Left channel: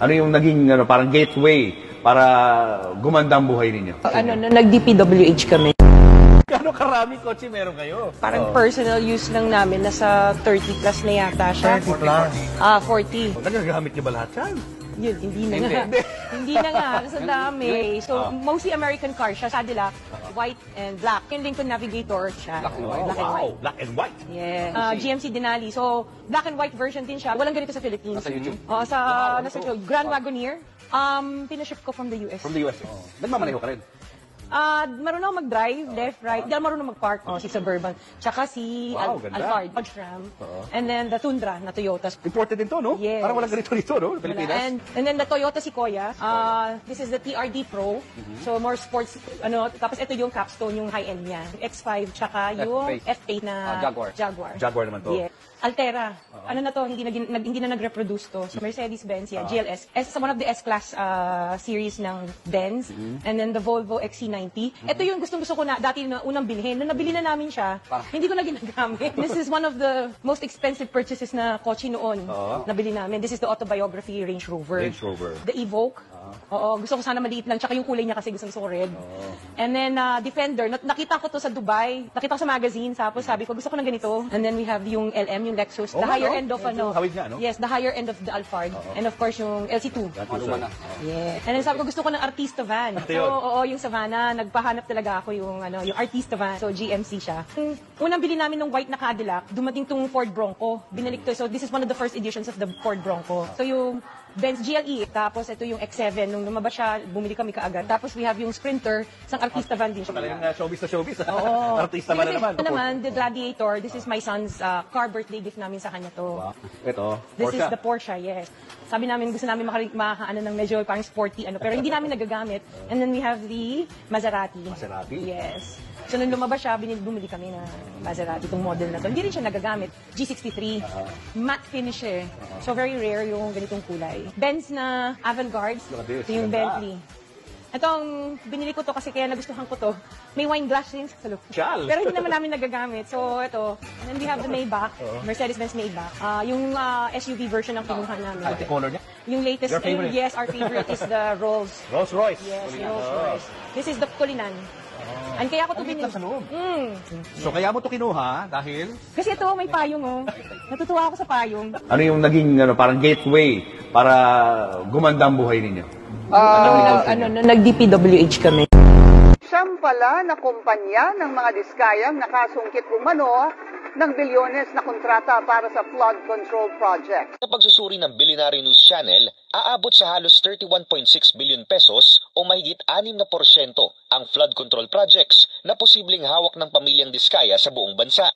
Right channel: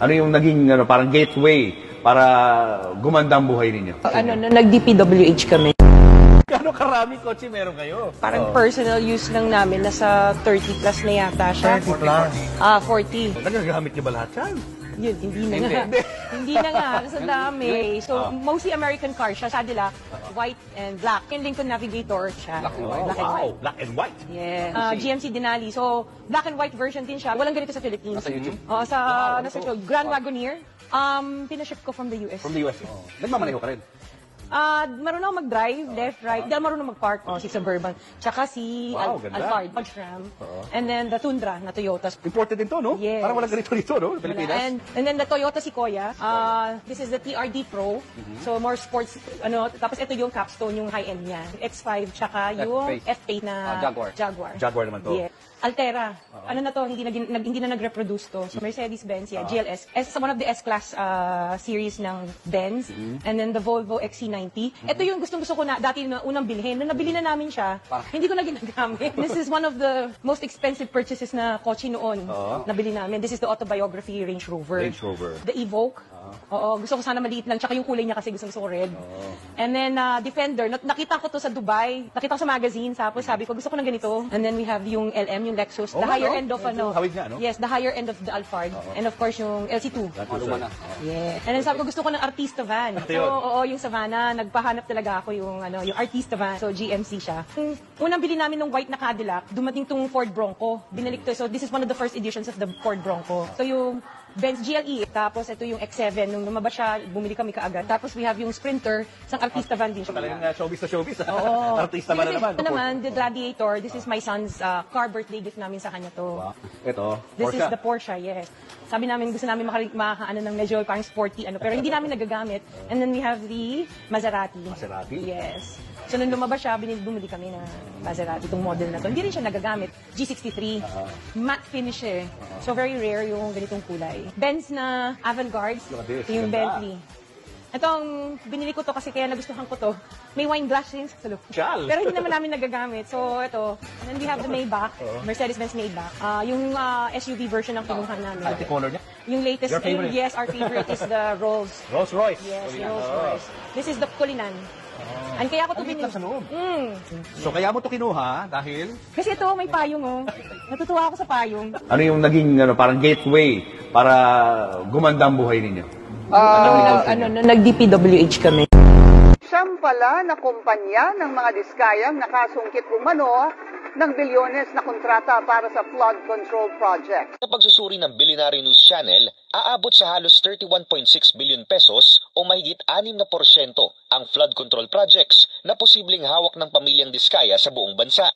Ano yung naging parang gateway para gumanda ang buhay ninyo? Nag-DPWH kami. Gano'ng karaming kotse meron kayo? Parang personal use lang namin, nasa 30 plus na yata siya. 30 plus? 40. Nagagamit niyo ba lahat yan? Yun, hindi na nga. Hindi na nga, kasi dami. So, mostly American cars siya. Sabi nila, white and black. And Lincoln Navigator siya. Black and white? Yeah. GMC Denali. So, black and white version din siya. Walang ganito sa Philippines. Nasa Grand Wagoneer. Pinaship ko from the US. From the US? Nagmamaneho ka rin? Marunong mag-drive, left, right. Hindi marunong mag-park. Si Suburban. Tsaka si ganda. Alphard, Dodge Ram. And then the Tundra na Toyota. Imported din to, no? Yeah. Walang ganito dito, no? And then the Toyota Sequoia. This is the TRD Pro. So, more sports, tapos ito yung capstone, yung high-end niya. X5, tsaka yung F8 na Jaguar. Jaguar naman to. Yeah. Altera. Ano na to, hindi na nag-reproduce to. So, Mercedes-Benz, GLS. S is one of the S-Class series ng Benz. And then the Volvo XC90. Ito yung gusto ko na, dati na unang bilhin. Nung nabili na namin siya, hindi ko na ginagamit. This is one of the most expensive purchases na kotse noon. Nabili namin. This is the autobiography Range Rover. The Evoque. Oo, gusto ko sana maliit lang. Tsaka yung kulay niya kasi gusto ko red. And then, Defender. Nakita ko to sa Dubai. Nakita ko sa magazine. Sabi ko, gusto ko na ganito. And then we have yung LM, yung Lexus. The higher end of yes, the higher end of the Alphard. And of course, yung LC2. Yeah. And then sabi ko, gusto ko ng Artista van. Oo, yung Savannah. Nagpahanap talaga ako yung Artista van. So, GMC siya. Unang bili namin ng white na Cadillac, dumating tong Ford Bronco. Binalik to. So, this is one of the first editions of the Ford Bronco. So, yung Benz GLE. Tapos, ito yung X7. Nung lumabas siya, bumili kami kaagad. Tapos, we have yung Sprinter sa Artista van. Showbiz na showbiz. Ito naman, the Gladiator. This is my son's car birthday gift namin sa kanya to. Ito? This is the Porsche, yes. Sabi namin, gusto namin ng medyo parang sporty, pero hindi namin nagagamit. And then we have the Maserati. Yes. So, nung lumabas siya, bumili kami ng Maserati, itong model na to. Hindi rin siya nagagamit. G63, matte finish eh. So, very rare yung ganitong kulay. Benz na Avantgarde. Ito yung Bentley. Itong, binili ko to kasi kaya nagustuhan ko to. May wine glass rin. Pero hindi naman namin nagagamit. So, ito. And then we have the Maybach. Mercedes-Benz Maybach. Yung SUV version ng kinuha namin. Color niya? Yung latest. Your favorite? Yes, our favorite is the Rolls. Rolls Royce? Yes, Rolls Royce. This is the Cullinan. And kaya ko ito binili. So, kaya mo ito kinuha dahil? Kasi ito, may payong. Natutuwa ako sa payong. Ano yung naging parang gateway para gumanda ang buhay ninyo? Nag-DPWH kami. Siyam pala na kumpanya ng mga diskayang nakasungkit umano ng bilyones na kontrata para sa flood control project. Sa pagsusuri ng Billionaire News Channel, aabot sa halos 31.6 billion pesos o mahigit 6% ang flood control projects na posibleng hawak ng pamilyang Diskaya sa buong bansa.